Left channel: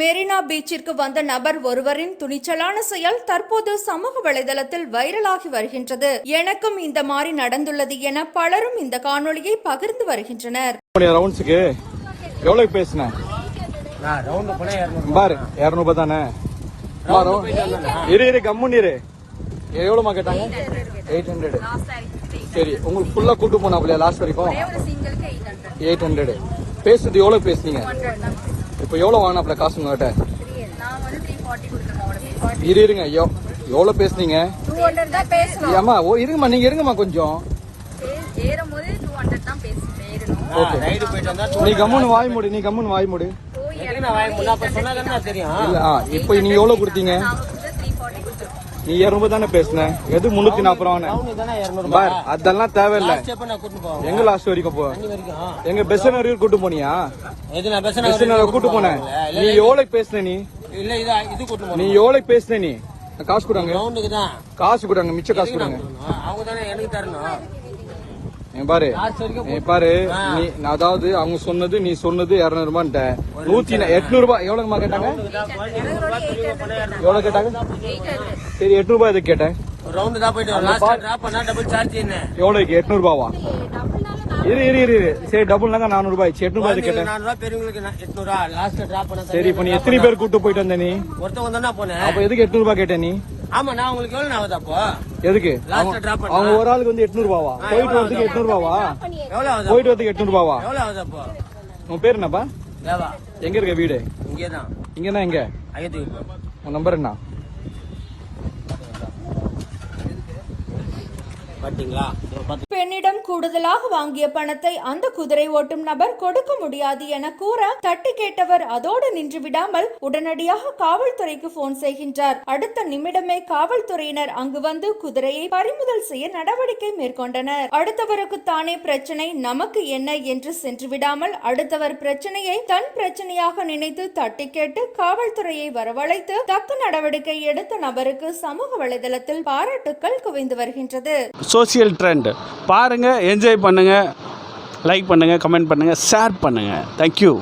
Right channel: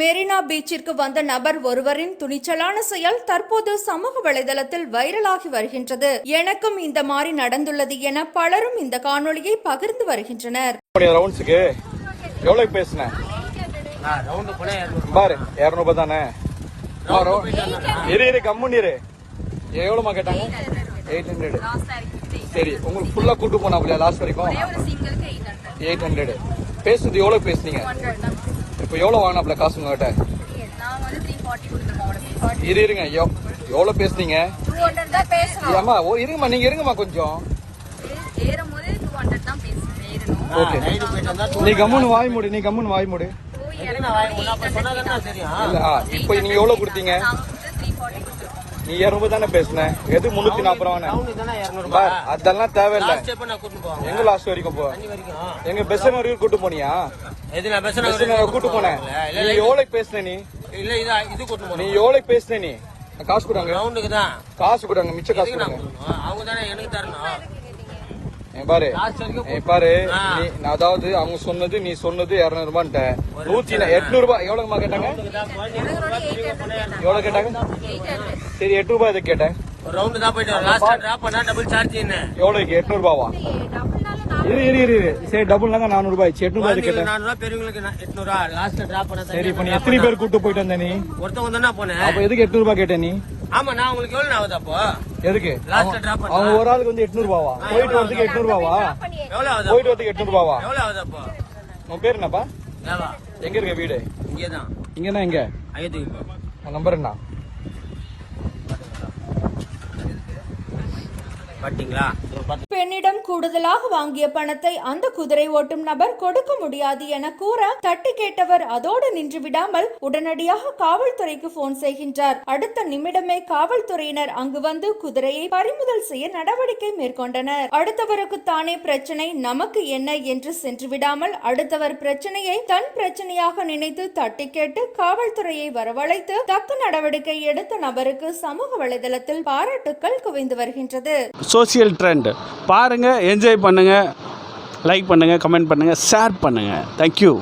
மெரினா பீச்சிற்கு வந்த நபர் ஒருவரின் துணிச்சலான செயல் தற்போது சமூக வலைதளத்தில் வைரலாகி வருகின்றது. எனக்கும் இந்த மாதிரி நடந்துள்ளது என பலரும் இந்த காணொளியை பகிர்ந்து வருகின்றனர். எவ்வளோமா கேட்டாங்க எயிட் ஹண்ட்ரட் சரி உங்களுக்கு ஃபுல்லாக கூட்டு போனாப்ல லாஸ்ட் வரைக்கும் எயிட் ஹண்ட்ரட் பேசுறது எவ்வளோ பேசுனீங்க? இப்போ எவ்வளோ வாங்கினாப்ல காசு உங்ககிட்ட? இரு இருங்க. எவ்- எவ்வளோ பேசுனீங்க? ஆமா ஓ இருங்கம்மா. நீங்க இருங்கம்மா கொஞ்சம். ஓகே. நீ கம்முன்னு வாய் மூடு. நீ கம்முன்னு வாய் மூடு. இல்ல இப்போ நீங்க எவ்வளவு கொடுத்தீங்க? நீ இரநூறுபா தானே பேசுன எது முன்னூத்தி நாற்பது ரூபா அதெல்லாம் தேவையில்லை. எங்க லாஸ்ட் வரைக்கும் போ? எங்க பெஸ் வரைக்கும் கூட்டு போனியா? பஸ் பெஸ் கூட்டு போனேன். நீ எவ்வளவு பேசுன நீ? இல்ல இதா இது கூட்டு நீ எவ்வளவு பேசுன நீ? காசு கொடுங்க. காசு கொடுங்க மிச்ச காசு கொடுங்க. அவங்க தானே எனக்கு தரணும். பாரு. லாஸ்ட் பாரு. நான் அதாவது அவங்க சொன்னது நீ சொன்னது இரநூறு ரூபான்ட்ட நூத்தி எட்நூறு ரூபாய் எவ்வளவு கேட்டாங்க? எவ்வளவு கேட்டாங்க? சரி எட்நூறு ரூபாய் இதை கேட்டேன் ரவுண்டு தான் போயிட்டு டிராப் பண்ணா டபுள் சார்ஜ் என்ன? எவ்வளவுக்கு? எட்நூறு ரூபாவா இரு இரு இரு. சரி டபுள்னாங்க நானூறு ரூபாய் எட்நூறு ரூபாய் கேட்டேன்? நானூறுவா பெரியவங்களுக்கு நான் எட்நூறுவா லாஸ்ட்ல டிராப் பண்ண சரி இப்ப நீ எத்தனை பேர் கூட்டு போயிட்டு வந்த நீ? ஒருத்தவங்க தானே போனேன். அப்ப எதுக்கு எட்நூறு ரூபாய் கேட்ட நீ? ஆமா நான் உங்களுக்கு எவ்வளவு ஆகுது அப்போ? எதுக்கு? லாஸ்ட்ல டிராப் அவங்க பண்ண. ஒரு ஆளுக்கு வந்து எட்நூறு ரூபாவா? போயிட்டு வரதுக்கு எட்நூறு ரூபாவா? எவ்வளவு ஆகுது அப்போ? போயிட்டு வரதுக்கு எட்நூறு ரூபாவா? எவ்வளவு ஆகுது அப்போ? உன் பேர் என்னப்பா? தேவா எங்க இருக்க வீடு? இங்கேதான். இங்கதான் எங்க? ஐயத்துக்கு உன் நம்பர் என்ன? பாத்தீங்களா? பெண்ணிடம் கூடுதலாக வாங்கிய பணத்தை அந்த குதிரை ஓட்டும் நபர் கொடுக்க முடியாது என கூற தட்டி கேட்டவர் அதோடு நின்று விடாமல் உடனடியாக காவல்துறைக்கு போன் செய்கின்றார். அடுத்த நிமிடமே காவல்துறையினர் அங்கு வந்து குதிரையை பறிமுதல் செய்ய நடவடிக்கை மேற்கொண்டனர். அடுத்தவருக்கு தானே பிரச்சனை நமக்கு என்ன என்று சென்று விடாமல் அடுத்தவர் பிரச்சனையை தன் பிரச்சனையாக நினைத்து தட்டி கேட்டு காவல்துறையை வரவழைத்து தக்க நடவடிக்கை எடுத்த நபருக்கு சமூக வலைதளத்தில் பாராட்டுக்கள் குவிந்து வருகின்றது. சோசியல் ட்ரெண்ட் பாருங்கள் என்ஜாய் பண்ணுங்கள் லைக் பண்ணுங்கள் கமெண்ட் பண்ணுங்கள் ஷேர் பண்ணுங்கள் தேங்க்யூ